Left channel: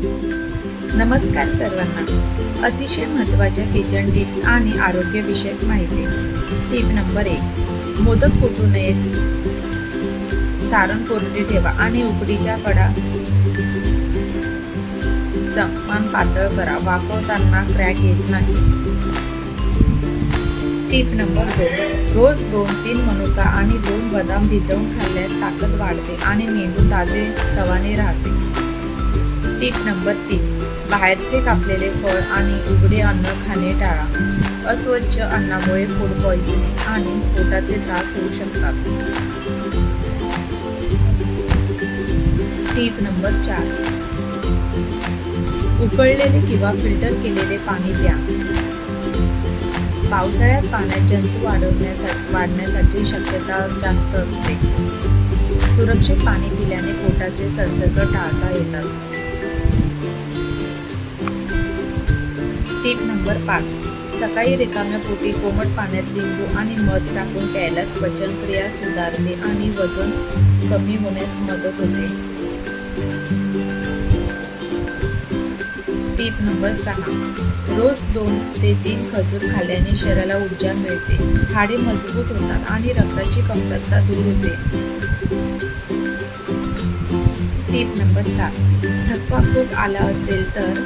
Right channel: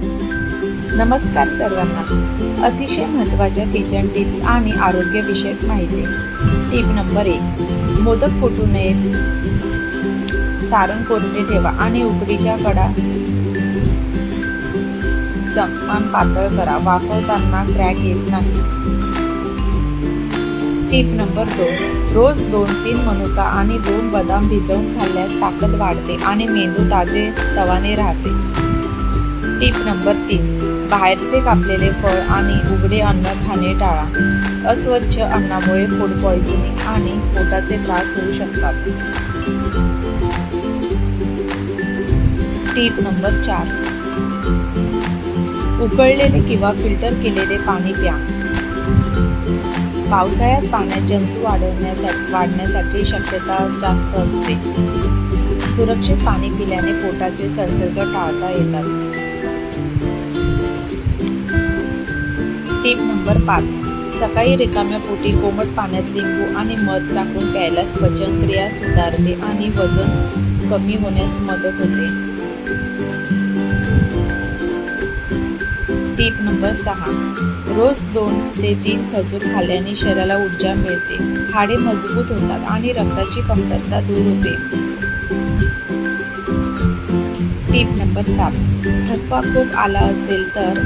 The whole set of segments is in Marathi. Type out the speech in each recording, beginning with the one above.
नमस्कार सर्वांना. अतिशय महत्त्वाच्या किचन टिप्स आणि आरोग्यविषयक माहिती. Tip number 1. मोदक फुटू नयेत. सारण कोरडे ठेवा आणि उकडीच्या कडा समान पातळ करा. वाफवताना क्रॅक येत नाही. Tip number 2. रोज 2-3 मनुका आणि 2 बदाम भिजवून खाल्ल्यास ताकद वाढते आणि मेंदू ताजे तवाने राहते. Tip number 3. बाहेरचे कापलेले फळ आणि उघडे अन्न खाणे टाळा. अस्वच्छ अन्नामुळे फूड पॉइझनिंग आणि पोटाचे त्रास होऊ शकतात. Tip number 4. उकळलेले किंवा फिल्टर केलेले पाणी प्या. पावसाळ्यात पाण्यात जंतू वाढण्यासाठी शक्यता जास्त असते. सुरक्षित पाणी पिल्याने पोटाचे संसर्ग टाळता येतात. Tip number 5. सकाळी रिकाम्या पोटी कोमट पाण्यात लिंबू आणि मध टाकून प्यायल्यास पचनक्रिया सुधारते आणि वजन कमी होण्यास मदत होते. Tip number 6. रोज 2 ते 3 खजूर खाल्ल्याने शरीराला ऊर्जा मिळते, हाडे मजबूत होतात आणि रक्ताची कमतरता दूर होते. Tip number 7. थकवा खूप आला असेल तर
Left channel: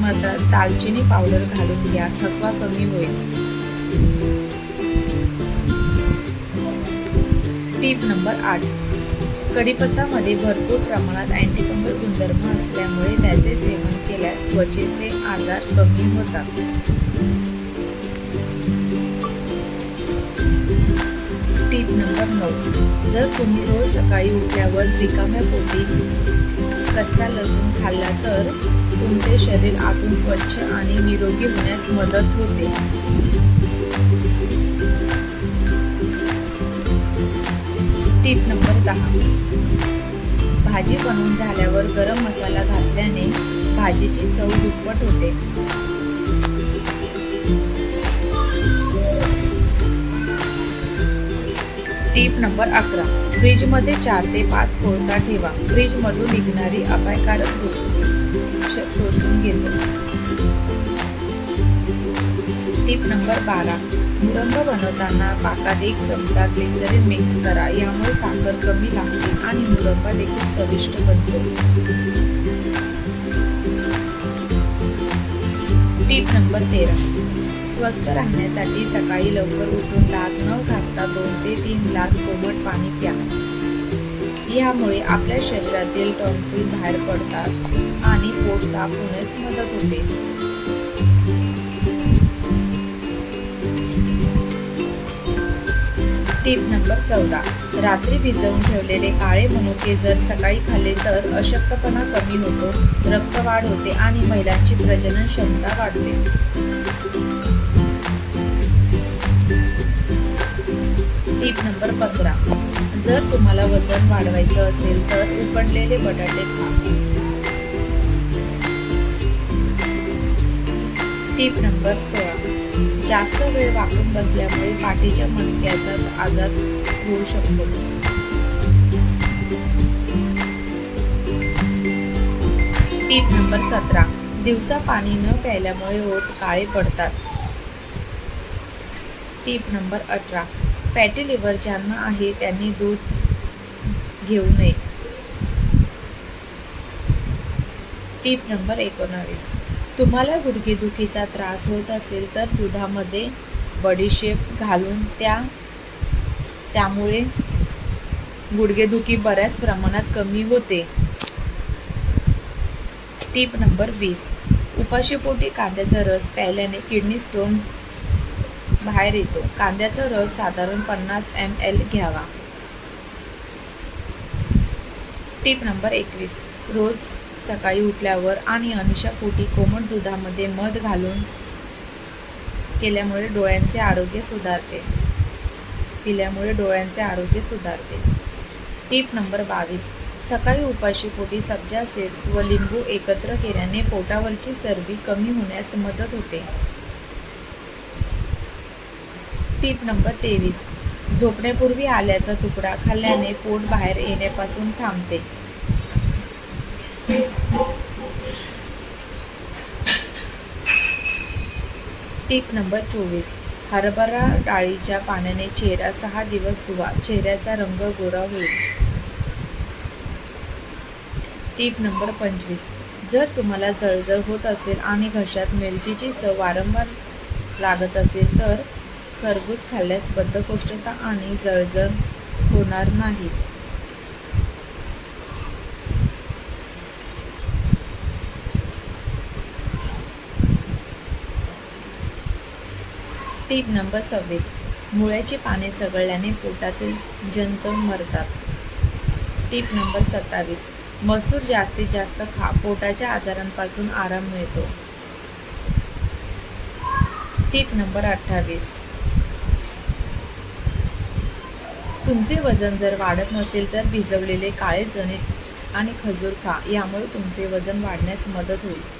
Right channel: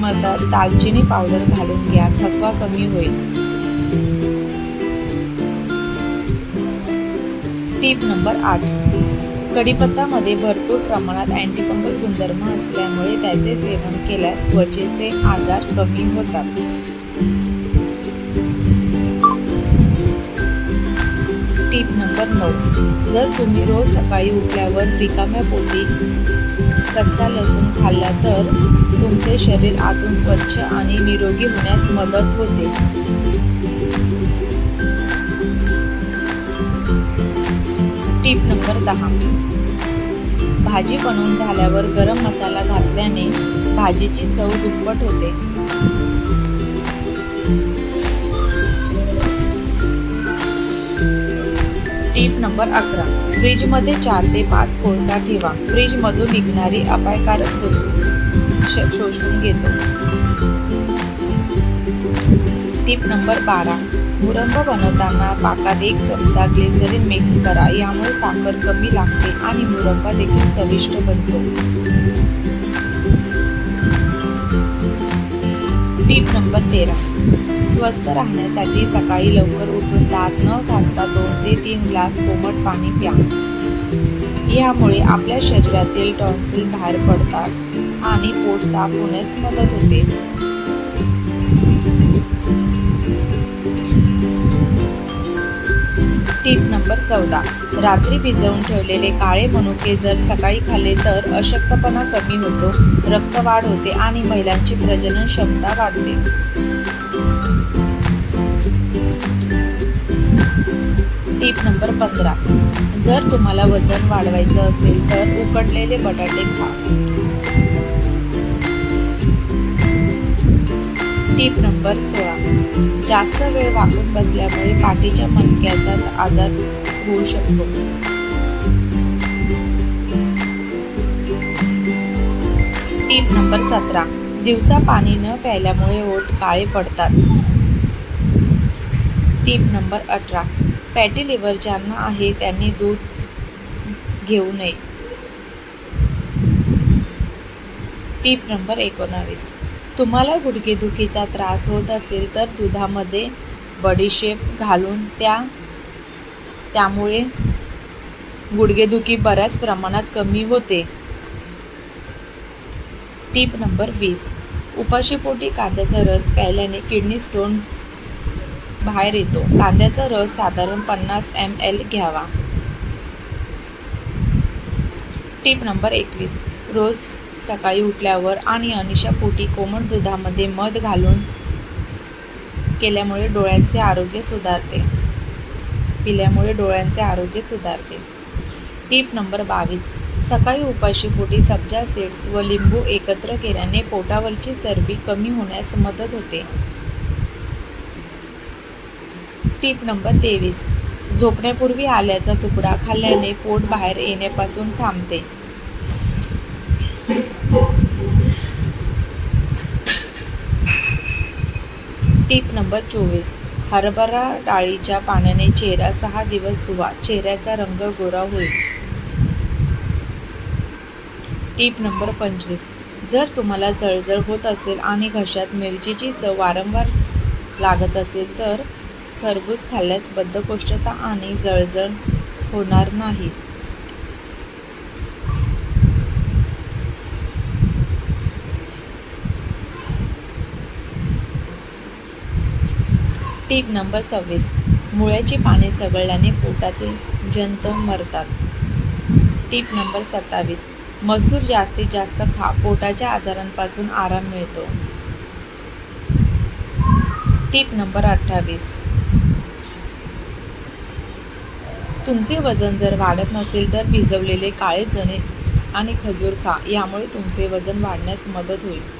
मधात दालचिनी पावडर घालून घ्या. थकवा कमी होईल. Tip number 8. कढीपत्तामध्ये भरपूर प्रमाणात अँटीफंगल गुणधर्म असल्यामुळे त्याचे सेवन केल्यास त्वचेचे आजार कमी होतात. Tip number 9. जर तुम्ही रोज सकाळी उठल्यावर रिकाम्या पोटी कच्चा लसूण खाल्ला तर तुमचे शरीर आतून स्वच्छ आणि निरोगी होण्यास मदत होते. Tip number 10. भाजी बनवून झाल्यावर गरम मसाला घातल्याने भाजीची चव दुप्पट होते. Tip number 11. फ्रीजमध्ये 4 ते 5 कोळसा ठेवा. फ्रीजमधून निघणारी अपायकारक शोषून घेतो. Tip number 12. मुरंब बनवताना पाकात 1 चमचा ग्लिसरीन मिक्स करा. यामुळे साखर कमी लागते आणि मुरंबा देखील चविष्ट बनतो. Tip number 13. स्वस्थ राहण्यासाठी सकाळी लवकर उठून दात न घासता 2 ते 3 ग्लास कोमट पाणी प्या. यामुळे आपल्या शरीरातील टॉन्सिल बाहेर पडतात आणि पोट साफ होण्यास मदत होते. Tip number 14. रात्री भिजवून ठेवलेले काळे मनुके जर सकाळी खाल्ले तर अशक्तपणा कमी होतो, रक्तवाढ होते आणि महिलांची प्रजनन क्षमता वाढते. Tip number 15. जर तुम्हाला वजन वाढवायचं असेल तर उकडलेले बटाटे खा. Tip number 16. जास्त वेळ वाकून बसल्यामुळे पाठीच्या मणक्याचा आजार होऊ शकतो. Tip number 17. दिवसा पाणी न प्यायल्यामुळे ओठ काळे पडतात. Tip number 18. फॅटी लिव्हर ज्यांना आहे त्यांनी दूध घेऊ नये. Tip number 19. तुम्हाला गुडघेदुखीचा त्रास होत असेल तर दुधामध्ये बडीशेप घालून त्यामुळे गुडघेदुखी बऱ्याच प्रमाणात कमी होते. Tip number 20. उपाशीपोटी कांद्याचा रस प्यायल्याने किडनी स्टोन बाहेर येतो. कांद्याचा रस साधारण 50 ml घ्यावा. Tip number 21. रोज सकाळी उठल्यावर आणि अनिशापोटी कोमट दुधामध्ये मध घालून पिल्यामुळे डोळ्यांचे आरोग्य सुधारते. Tip number 22. सकाळी उपाशीपोटी सब्जा सीड्स व लिंबू एकत्र केल्याने पोटावरची चरबी कमी होण्यास मदत होते. Tip number 23. झोपण्यापूर्वी आल्याचा तुकडा खाल्ल्याने पोट बाहेर येण्यापासून थांबते. Tip number 24. हरभरा डाळीच्या पाण्याने चेहरा 6 दिवस धुवा, चेहऱ्याचा रंग गोरा होईल. Tip number 25. जर तुम्हाला जळजळ होत असेल आणि घशात मिरचीची चव वारंवार लागत असेल तर खरबूज खाल्ल्यास बद्धकोष्ठता आणि जळजळ होणार नाही. Tip number 26. मुळ्याची पाने चघळल्याने पोटातील जंत मरतात. Tip number 27. मसूर जास्तीत जास्त खा, पोटाच्या आजारांपासून आराम मिळतो. Tip number 28. तुमचे वजन जर वाढत नसेल तर भिजवलेले काळे चणे आणि खजूर खा, यामुळे तुमचे वजन वाढण्यास मदत होईल.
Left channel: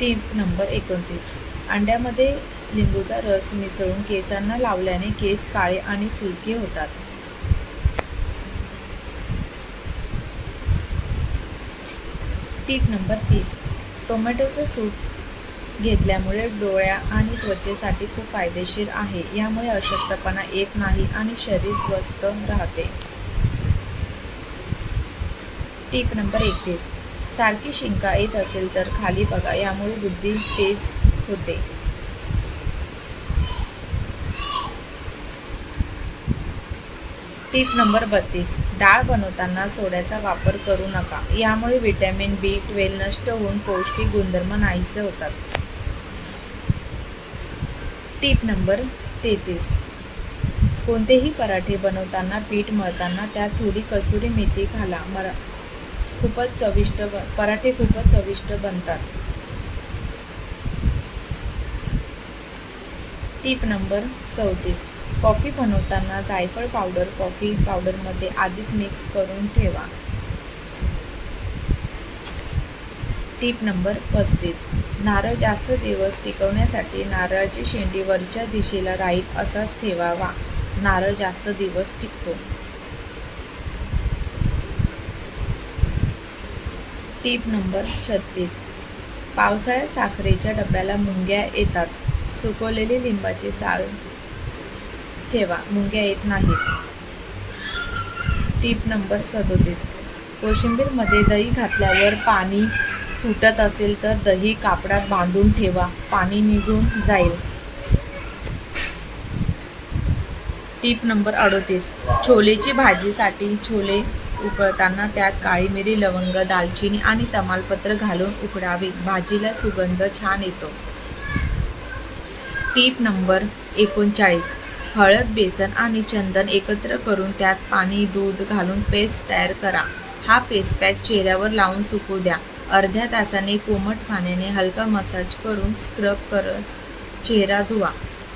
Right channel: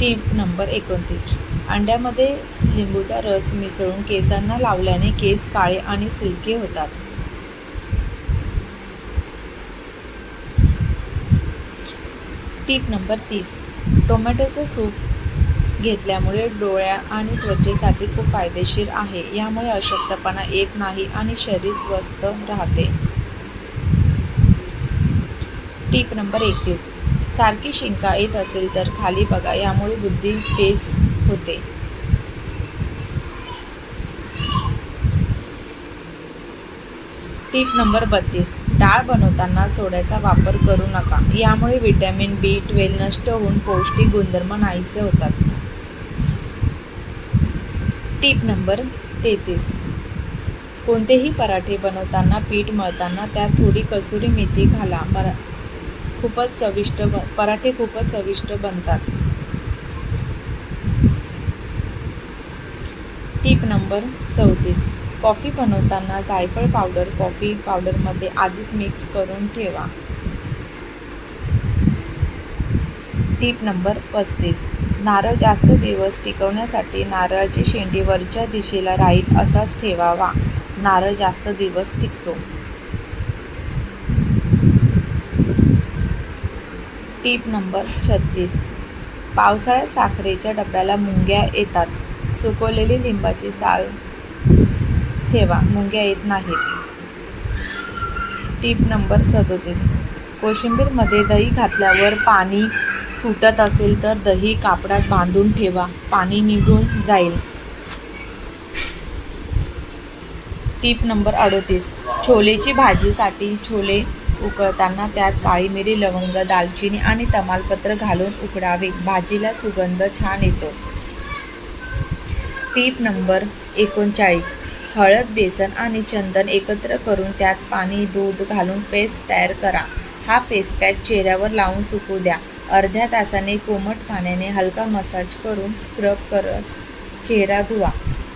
Tip number 29. अंड्यामध्ये लिंबूचा रस मिसळून केसांना लावल्याने केस काळे आणि सिल्की होतात. Tip number 30. टोमॅटोचं सूप घेतल्यामुळे डोळ्या आणि त्वचेसाठी खूप फायदेशीर आहे. यामुळे अशक्तपणा येत नाही आणि शरीर स्वस्थ राहते. Tip number 31. सारखी शिंका येत असेल तर खाली बघा, यामुळे बुद्धी तेज होते. Tip number 32. डाळ बनवताना सोड्याचा वापर करू नका, यामुळे व्हिटॅमिन B12 नष्ट होऊन पौष्टिक गुणधर्म नाहीसे होतात. Tip number 33. कोणतेही पराठे बनवताना पीठ मळताना त्यात थोडी कसुरी मेथी घाला, पराठे खूपच चविष्ट बनतात. Tip number 34. कॉफी बनवताना जायफळ पावडर कॉफी पावडरमध्ये आधीच मिक्स करून ठेवा. Tip number 35. नारळ जास्त दिवस टिकवण्यासाठी नारळाची शेंडी वरच्या दिशेला राहील असाच ठेवावा, नारळ जास्त दिवस टिकतो. Tip number 36. पावसाळ्यात साखरेच्या डब्याला मुंग्या येतात, सुकवलेली लिंबाची साल ठेवा, मुंग्या येत नाहीत. Tip number 37. कोशिंबीरमध्ये दही घातल्यावर पाणी सुटत असेल तर दही कापडात बांधून ठेवा, पाणी निघून जाईल. Tip number 38. छोलेची भाजीसाठी छोले उकळताना त्यात काळी मिरी, लवंग, दालचिनी आणि तमालपत्र घालून उकळावे, भाजीला सुगंध छान येतो. Tip number 39. हळद, बेसन आणि चंदन एकत्र करून त्यात पाणी, दूध घालून पेस्ट तयार करा. हा फेस पॅक चेहऱ्यावर लावून सुकू द्या. अर्ध्या तासाने कोमट पाण्याने हलका मसाज करून स्क्रब करत चेहरा धुवा.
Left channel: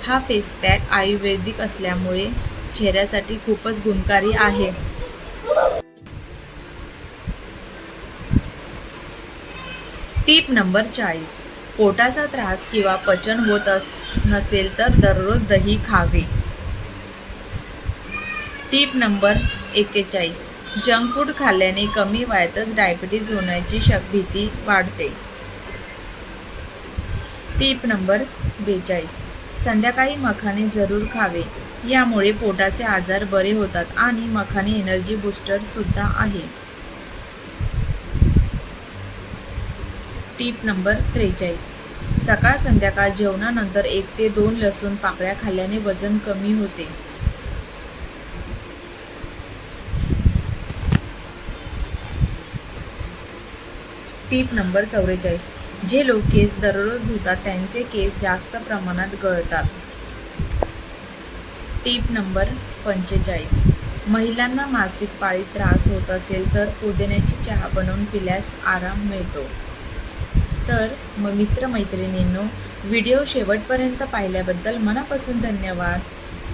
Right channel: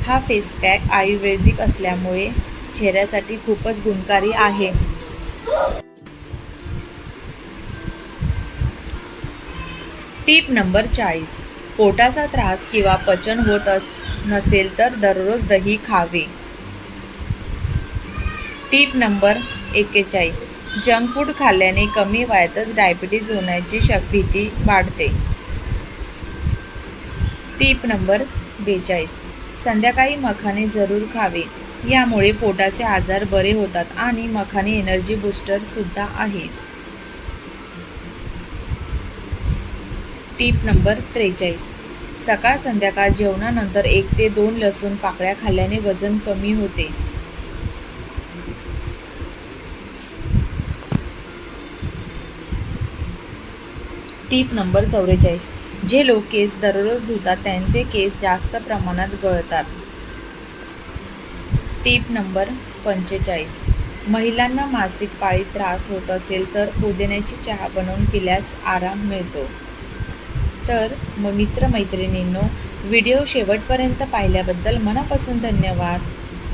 हा फेस पॅक आयुर्वेदिक असल्यामुळे चेहऱ्यासाठी खूपच गुणकारी आहे. Tip number 40. पोटाचा त्रास किंवा पचन होत नसेल तर दररोज दही खावे. Tip number 41. जंक फूड खाल्ल्याने कमी वयातच डायबिटीज होण्याची भीती वाढते. Tip number 42. संध्याकाळी मखाणे जरूर खावे, यामुळे पोटाचे आजार बरे होतात आणि मखाणे एनर्जी बूस्टर सुद्धा आहे. Tip number 43. सकाळ संध्याकाळ जेवणानंतर 1 ते 2 लसूण पाकळ्या खाल्ल्याने वजन कमी होते. Tip number 44. जे लोक केस दररोज धुतात त्यांचे केस जास्त प्रमाणात गळतात. Tip number 45. महिलांना मासिक पाळीत त्रास होत असेल तर पुदिन्याची चहा बनवून पिल्यास आराम मिळतो. तर मग मित्रमैत्रिणींनो, व्हिडिओ शेवटपर्यंत पाहिल्याबद्दल मनापासून धन्यवाद.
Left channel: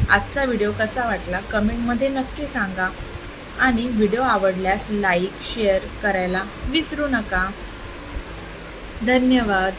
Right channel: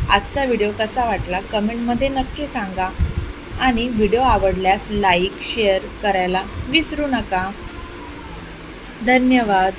आजचा व्हिडिओ कसा वाटला कमेंटमध्ये नक्की सांगा आणि व्हिडिओ आवडल्यास लाईक शेअर करायला विसरू नका. धन्यवाद.